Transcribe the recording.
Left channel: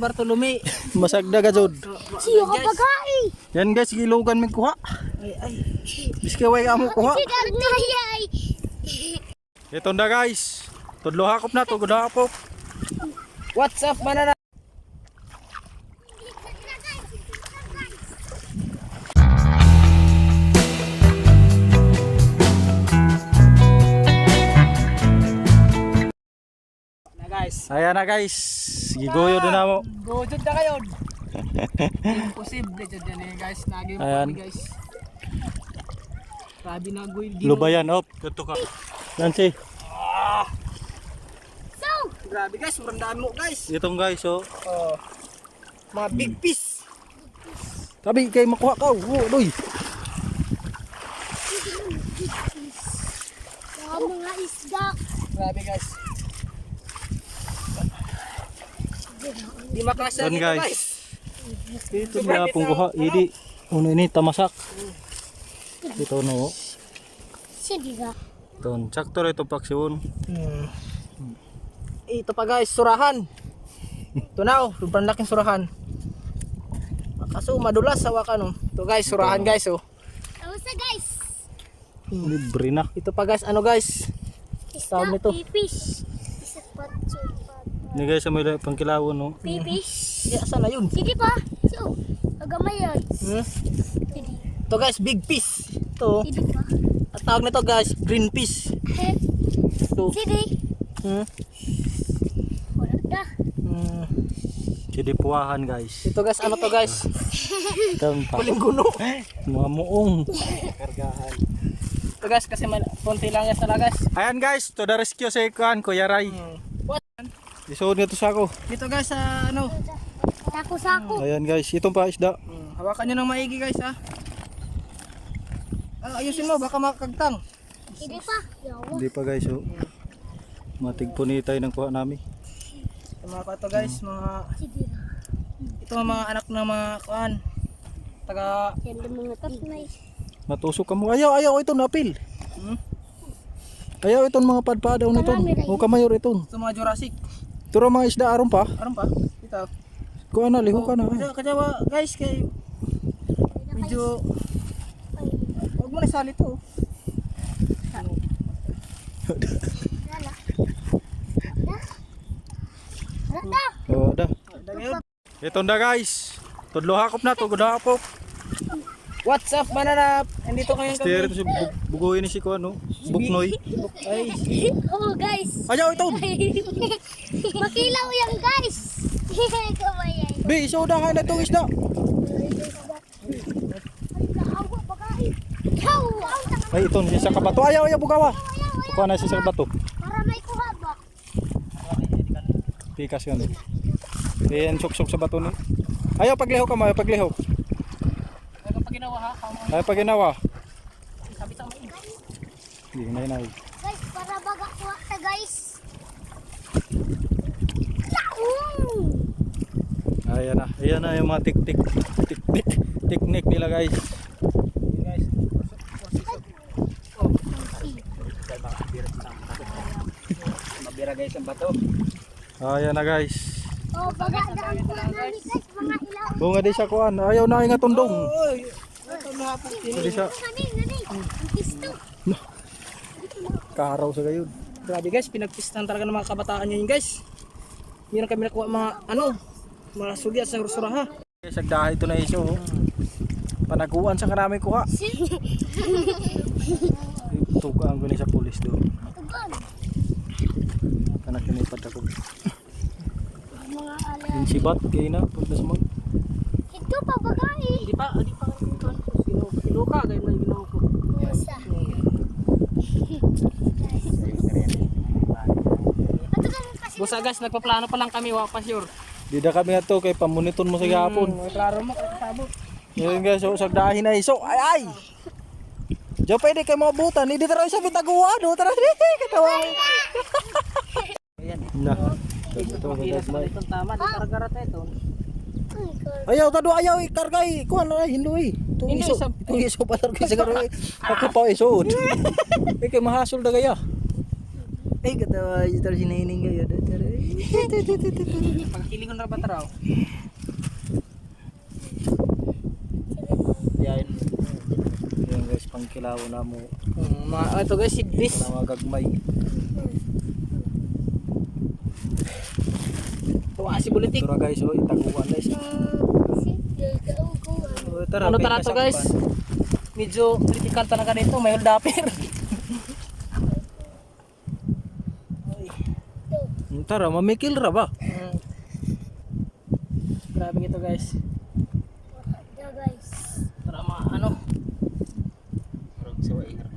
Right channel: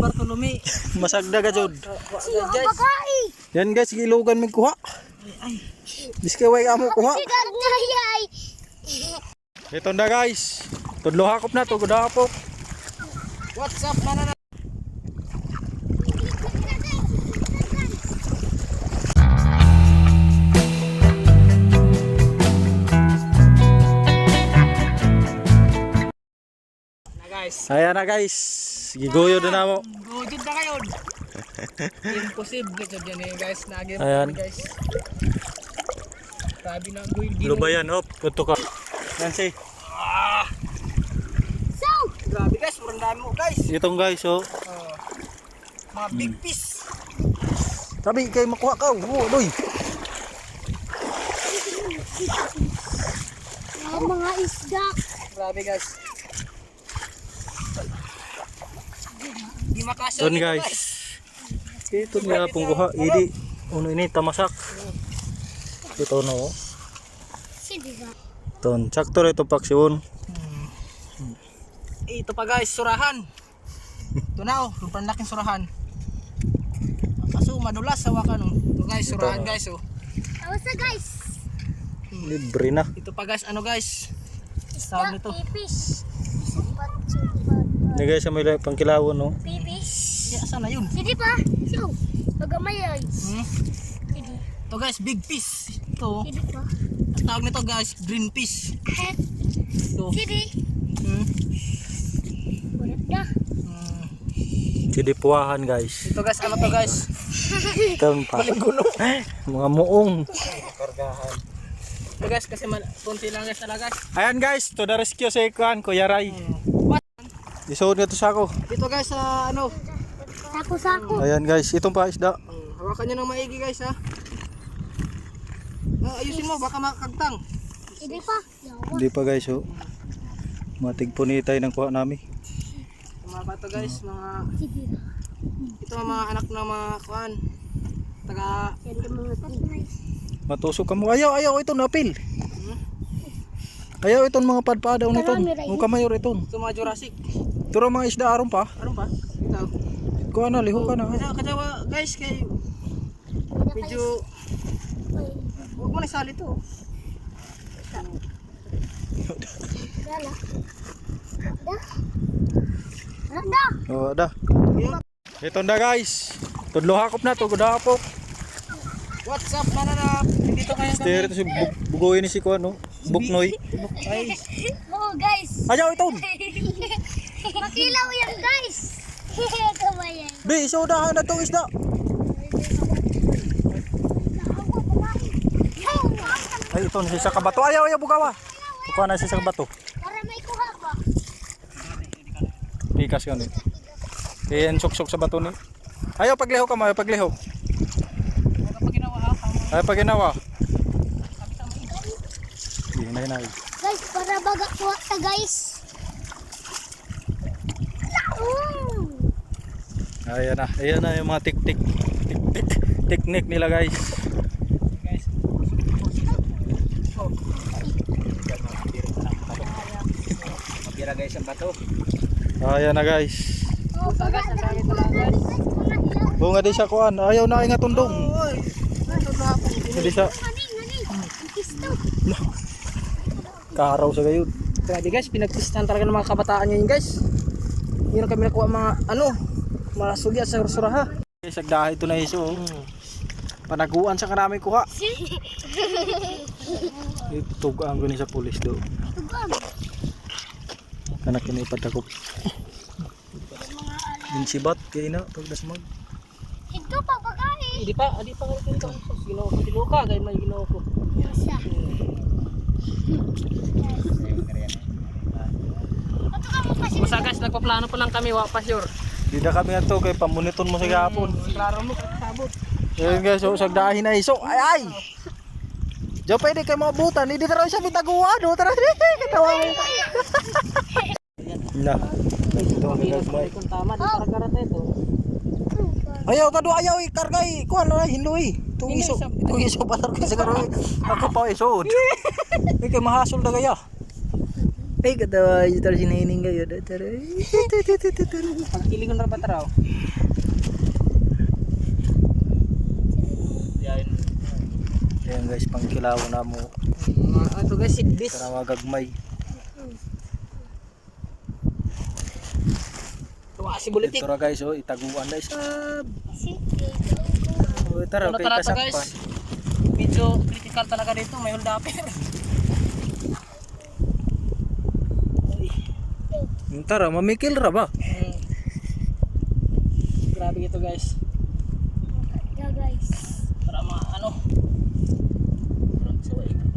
Bartolome. Masagda ka jud. Siyo ka bagay. Yan guys, gilugan mi kuha. Ay. Biskay way amo kuha. Ay. Ito na guys. Tudlo hakop na, tugod hakop. What's up, manana? Ayan na guys. Gigoyo din na mo. Gojud na kayo. Imposible jud yan eh guys. Nagim Ayan. guys. Grabe na goy. Lubayan op, kato ka. Yan si. So, Grabe guys, sobrang dami mo guys. Itong guys oh. Oh. Mga big fish. Sabi kay makuha ka. Doy. mga isda. Grabe guys. Di makasya Doon dito, guys. Ito nila pong kuha. Idi. Uno ini tamasak. Ito no. Sige ka. Ton, sakto ito paksyon. Ito pa guys, surahan. Ito na oh, sobrang laking surahan. Kaso madulas sa wakan oh. Ito guys, surahan guys oh. Awasa guys. Libre na. Ito pa guys, ano guys? Tawag nito. Pipis. Sapat. Ini guys may pangkilawon no. Pipis. Ya, saan na yun? Sige pa. So, agamay ay. Sige. Ito guys, big fish. Ito. Sige pa. Ang tawag nito guys, green fish. Ito. Sige. Wala na. Sidipuahan guys. Ito guys, ano to guys? Ito pa. Palingguno. Mga muong. Kargahan. Ito guys, kasi konti lang guys talaga guys. Ayan guys, to the rescue sa ikuan, Kuya Ray. What? Isuod nga to sa ako. Dito guys sa ano? Sako-sako. Ayan guys, itong pa isda. Hawakan nyo ng maigi guys ha. Ayusin mo, baka makakagtang. Sige pa. Yawa. Hindi pa guys oh. Matigpunitay ng kuha namin. Mga pato guys, mga Sige. ito mga anak ng mga kuan. Taga Yan ang mga pinay. Matusok ka mo. Ayaw ito napil. Ayaw itong mga padpadaw nito. Muka mayor itong. ito mga Jurassic. Turo mga isda aron pa. Aron pa? Ito. Kuha na, liho ka na. Kadawa guys kay medyo huwag mo na isali to. Dala. Rada. Oh, da. Ito na guys. Tudlo hakop na, tugod hakop. What's up mananap? Nandito kayo Stereo to si bugoy ni si kuan no. Buknoy. Ay, Oh guys. Ayaw ito. Makilaw yan guys. Kamayan. Be, isodahan na itong isda. Ay, ito siya sa kabato. Ayaw bugawa. Kuha na siya sa kabato. Para may kuha ba? Pikas yun eh. Ayan, sok-sok sa bato ni. Ayaw pagliho ka mo, ayaw pagliho. kapag ginawa ha, Ayaw pag ginawa. sabi sa main. Hinay. Guys, para baga kuha ka guys. Ayan na yung mga teknik nila guys. Guys. Mabira guys ang bato. Ayan na guys. Oh, baga daw kuha namin guys. Mga ilaw. Bunga di siya kuan. Ayaw na nga tundong. Oy. Ito na ako. Hindi siya Nani. Ang pisto. kaharaw sa gayon. Grabe guys, pinagpistahan talaga ng mga kabataan yun guys. Hindi na kami nakuha mga mga sugi at suraha. Guys, agdahay ito na iso. Panaguan sa karami kuha. Tugaan ko ni sa pulis do. Tugon. Kanak kini patakop. Mga ala. Din sibat kay na pag nasmag. Ito pa bagay. Hindi pa ginawa ko tiluka dahil may ginawa ko. Isa. Ito ka mo kasi. Busa guys, nagpaplano pa lang kami, wa pa sure. Di na kami ato kay pamuniton mo sa gapon. Klaro mo sabot. Yan guys, so sagdahin na iso. Ay. Jo pwede kay mga butan, hindi tara siya bitaguan, do tara di katawa. Na. Ito guys, may. Kung tama, di karagarat ito. Ayaw tado ayaw ikargay. Kuan na hindoy. Tung Hindoy iso. sa- Tung iso patar kay siguro. Ako pa isod. Ikay mahasol da gaya. Ay, katawa. Ito sinahining kayo. Pagkilingon ra ba taraw? Yan. Ayan guys, pangkilaw na mo. Ito guys, sidbis. Ito na magagmay. Tuwa si Bulitik. Ito na guys, oh, itaguan na isa. Oh, tara, Ano kay tara to guys? kasakpan. Medyo critical talaga dito, may hold upper. Tara, mamikil ra ba? Grabe ito guys. Yeah guys. Para ano? Parang sawain.